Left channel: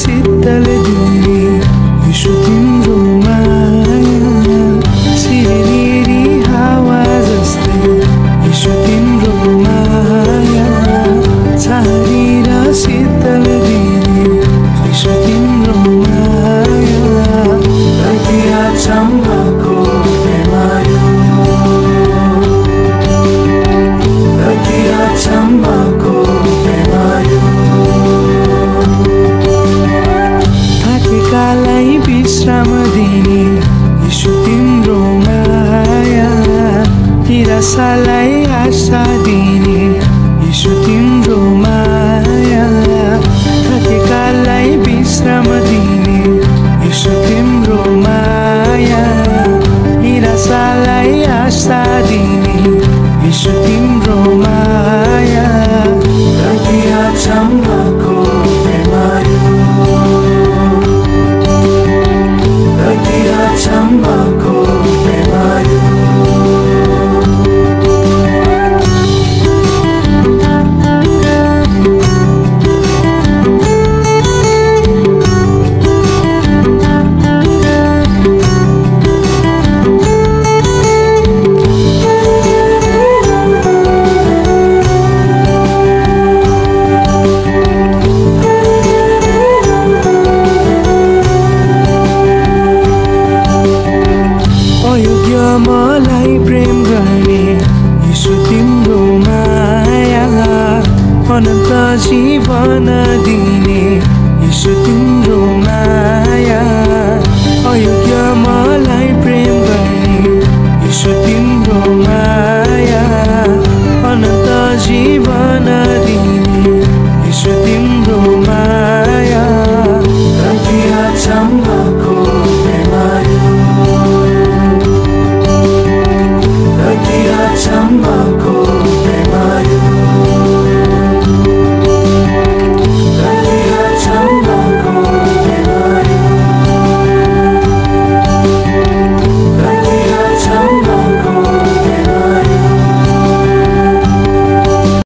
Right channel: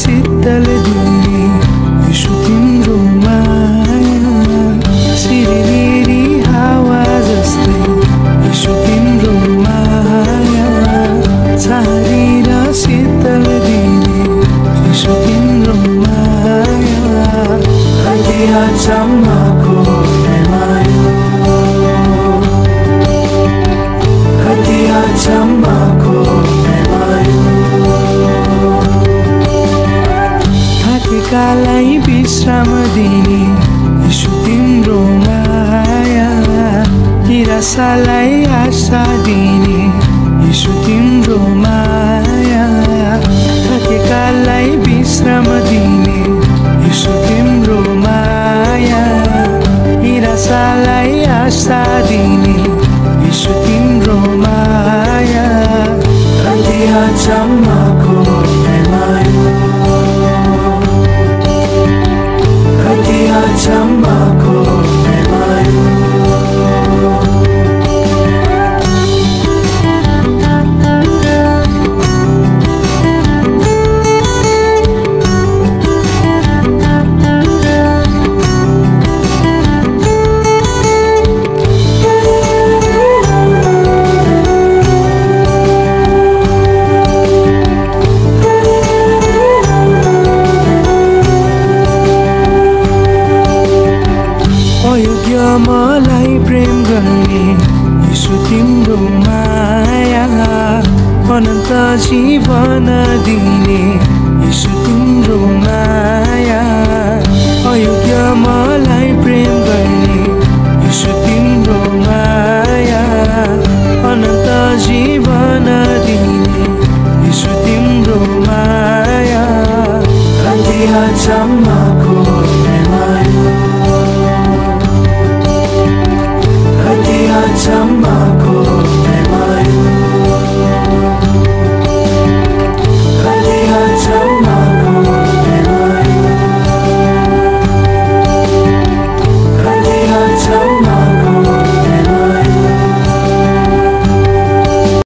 शीतल दिने यीशु तिम्रो माया सिरिरी हावा जस्तै यीशु तिम्रो माया छारी र शीतल दिने यीशु तिम्रो माया कति अचम्मको प्रेमायो कति अचम्मको प्रेमायो थाकेकालाई विश्राम दिने यीशु तिम्रो माया निराशालाई आशा दिने यीशु तिम्रो माया थाकेकालाई विश्राम दिने यीशु तिम्रो माया निराशालाई आशा दिने यीशु तिम्रो माया कति अचम्मको प्रेमायो कति अचम्मको प्रेमायो अयोग्य मलाई प्रेम गर्ने यीशु तिम्रो माया अनन्त जीवन दिने यीशु तिम्रो माया अयोग्य मलाई प्रेम गर्ने यीशु तिम्रो माया अनन्त जीवन